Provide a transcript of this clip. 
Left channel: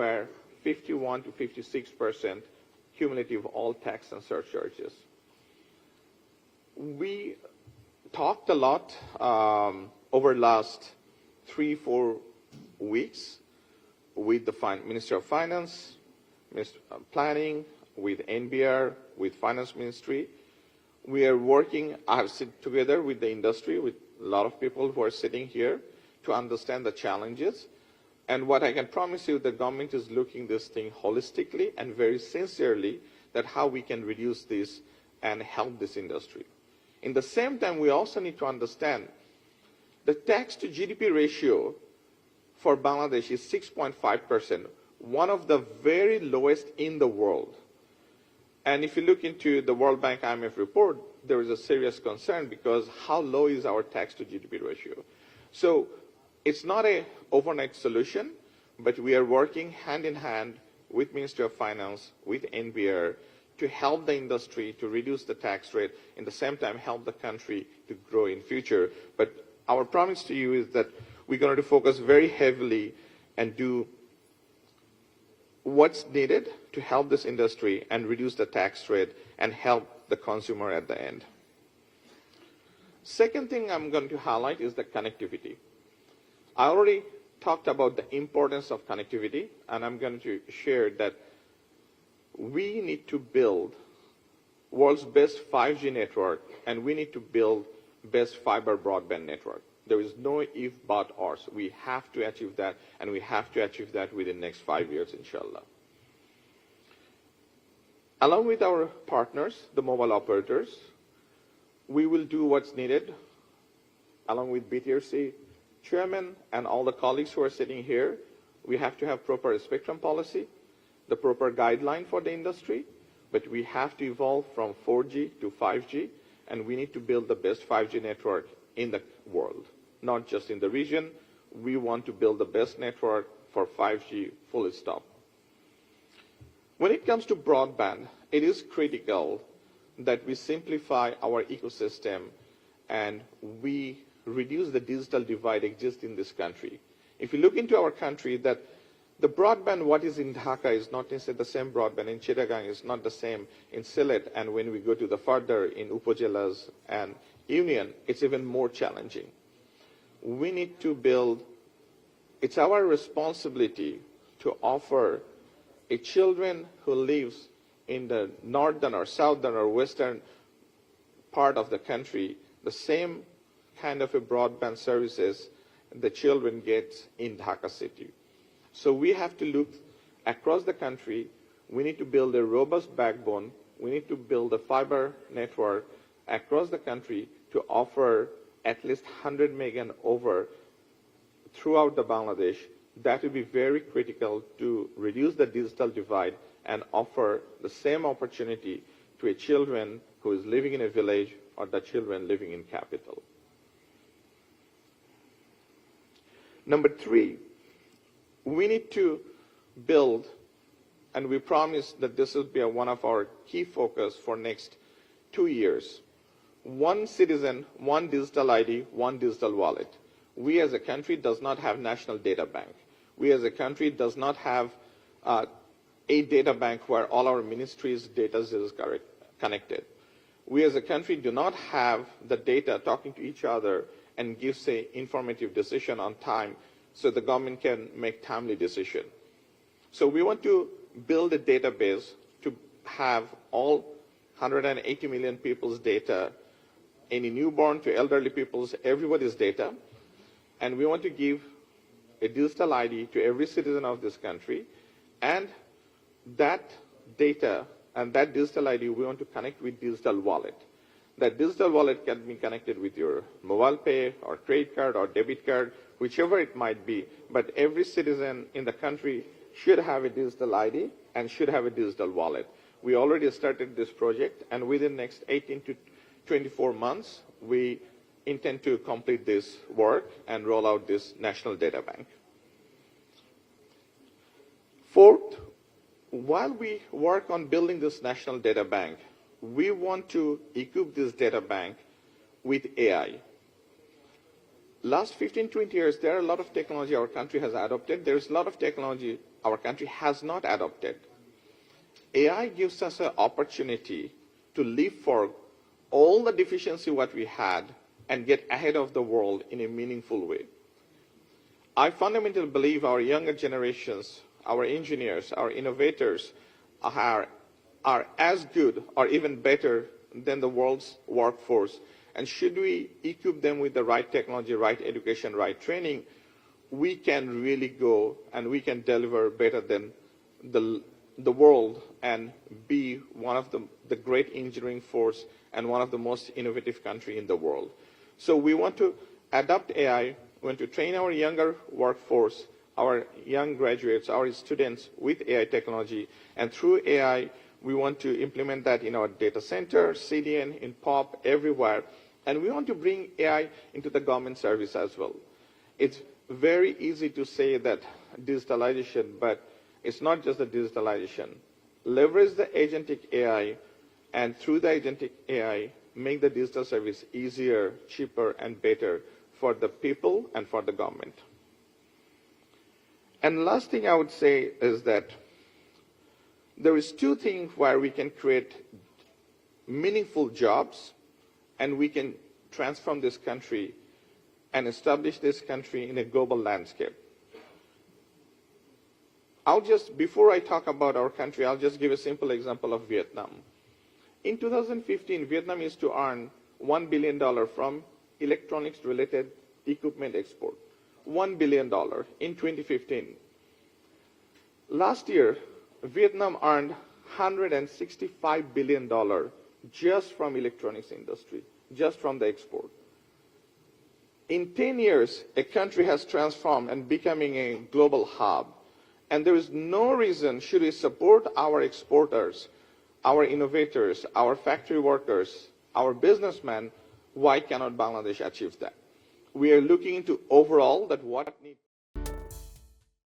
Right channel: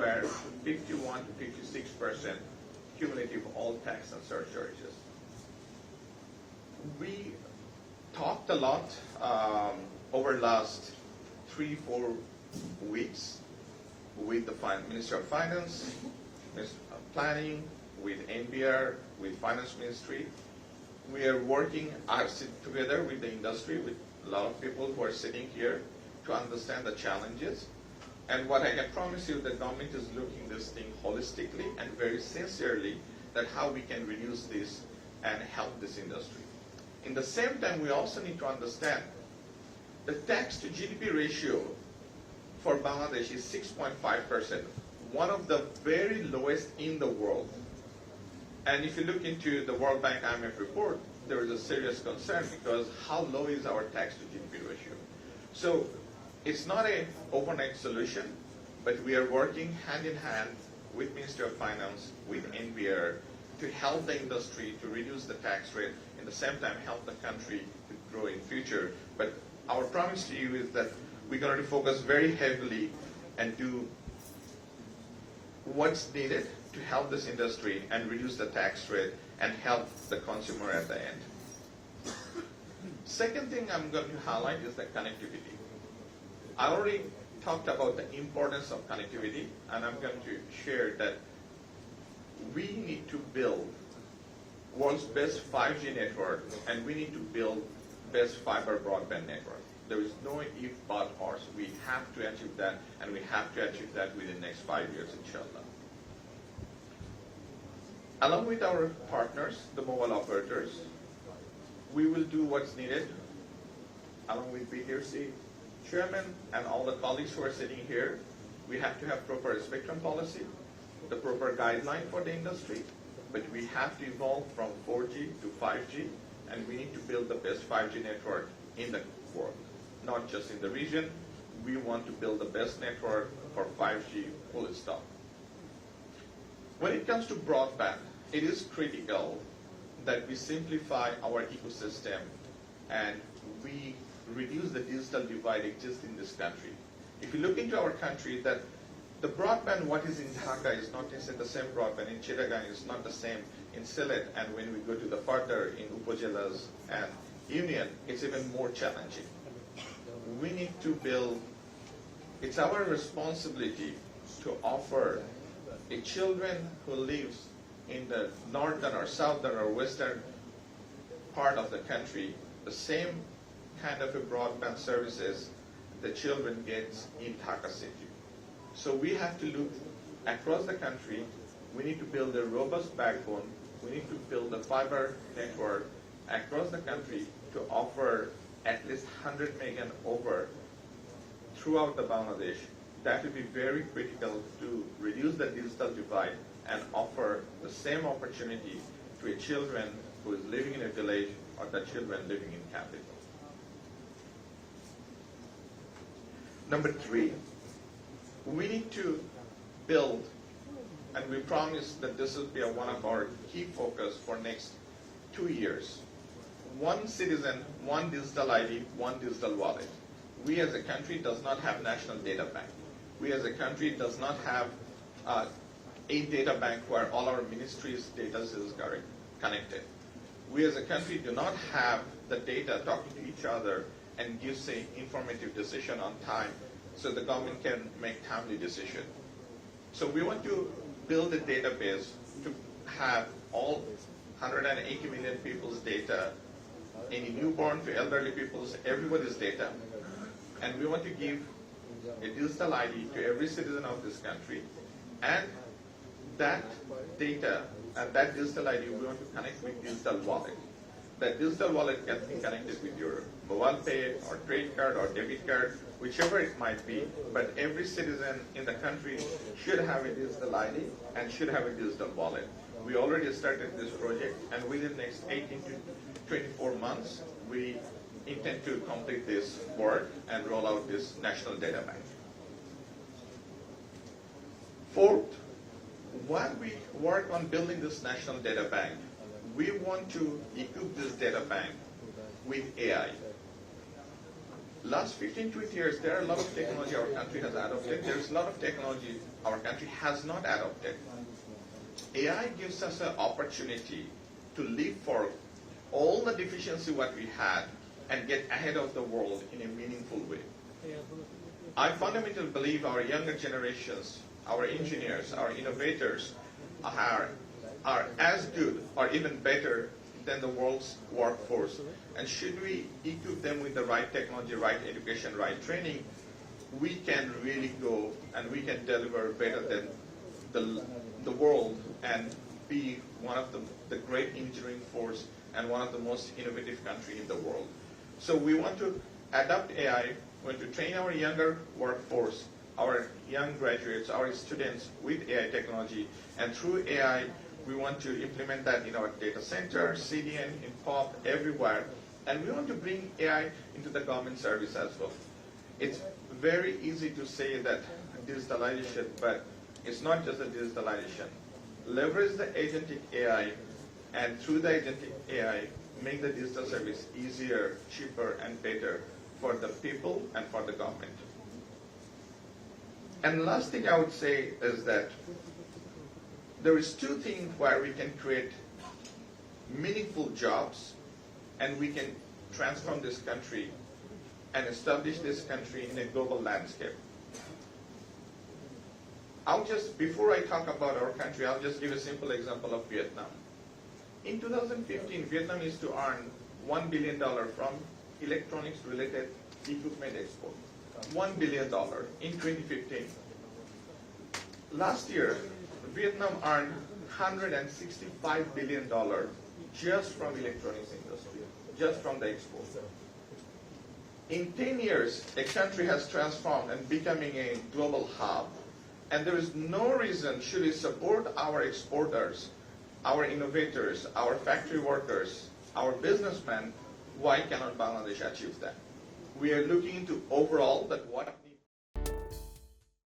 were 51 to 56% cumulative all tax and surcharges. We talked a lot over last 3-4 weeks with the Minister of Finance, Planning, with NBR, with Finance Ministry. We are working together with the industry, with a lot of people who are sitting here to understand the challenges. And what I can promise you, the government is looking this thing holistically and very sincerely that how we can reduce this and help this industry. In the same time, we also need to understand the tax to GDP ratio for Bangladesh is 6.5%, one of the very lowest in the world. And if you look into the World Bank IMF report, there is a serious concern because how low is our tax to GDP ratio? So it's not an overnight solution, but we are working hand in hand with Ministry of Finance, with NBR, to help the industry to reduce the tax rate, in the same time help the country to grow in future. But our promise to you is that we're going to focus very heavily and do what's needed to help this industry and reduce the tax rate and help the consumer at the end. Second thing I'm going to highlight is the connectivity. I already talked about the importance of connectivity, and I'm going to share that we need to build world's best 5G network, and we need to build best fiber broadband network. There is no if, but, or. So we have to achieve that, and we have to achieve that within the next 5 years, inshallah. Along with our partners, the mobile operators, we will do what's needed, along with BTRC chairman and all the colleagues who are sitting here. We have to have proper spectrum policy, the proper guideline for the industry, but we have to evolve from 4G to 5G, and we need to build the best 5G network in the world, not just in the region. We want to build the best network for 5G, full stop. When it comes to broadband, it is critical that we simplify our ecosystem and we reduce the digital divide existing in this country. If you look into our country, that the broadband what is in Dhaka is not necessarily the same broadband in Chittagong, is not the same in Sylhet, and when we go to the further in Upajilas and Union, it's even more challenging. We need to build, it's our responsibility to offer a children who lives in the northern or southern or western part of the country the same kind of a broadband services the children get in Dhaka city. So we have to look across the country. We need to build a robust backbone. We need to build a fiber network across the country to offer at least 100 meg and over throughout the Bangladesh. That will be very critical to reduce the digital divide and offer the same opportunity to a children who is living in a village or the children living in capital. Number 3, we need to build, and we promise that this will be one of our key focus for next 2 years. One citizen, one digital ID, one digital wallet. We as a country does not have national data bank. We as a country does not have a data bank where all our ministries' data is connected. We as a country do not have the data talking to each other and gives an informative decision on time so the government can make timely decision. So we want to build a database to have all 180 million people's data, any newborn to elderly people's, everybody's data, and we want to give a digital ID to every citizen of this country, and that data and that digital ID we want to connect with digital wallet. That digital wallet can be connected with your mobile pay or credit card or debit card, whichever it might be, but every citizen in the country should have a digital ID and should have a digital wallet. We already started this project, and within the next 18 to 24 months, we intend to complete this work and roll out this national data bank. Fourth, while we work on building this national data bank, we want to equip this data bank with AI. Last 15, 20 years, there are a lot of technology our country has adopted. There's a lot of technology our country has not adopted. AI gives us an opportunity to leapfrog all the deficiency what we had and get ahead of the world in a meaningful way. I fundamentally believe our younger generations, our engineers, our innovators are as good or even better than the world's workforce. And should we equip them with the right technology, right education, right training, we can really go and we can deliver better than the world and be one of the great engineering force and one of the most innovative country in the world. So we want to adopt AI, we want to train our younger workforce, our young graduates, our students with AI technology, and through AI, we want to implement that in our data center, CDN, in POP, everywhere, and we want to bring AI into the government service as well. It's very easy to say that digitalization, but it's not just the digitalization. Leverage the agentic AI, and through the agentic AI, make the digital service easier, cheaper, and better for the people and for the government. And last thing I would say is that there is two things where we can create meaningful jobs and we can transform this country and establish this country in a global landscape. Before I talk about our country, I'll just give a simple example of Vietnam. In 2015, Vietnam used to earn $1 billion from electronics-related equipment export. $1 billion in 2015. Last year, Vietnam earned $165 billion just from electronics industry, just from the export. In 10 years, a country has transformed and becoming a global hub. And there is no reason should we support our exporters, our innovators, our factory workers, our businessmen, why cannot Bangladesh achieve that? We are looking into overall that what needs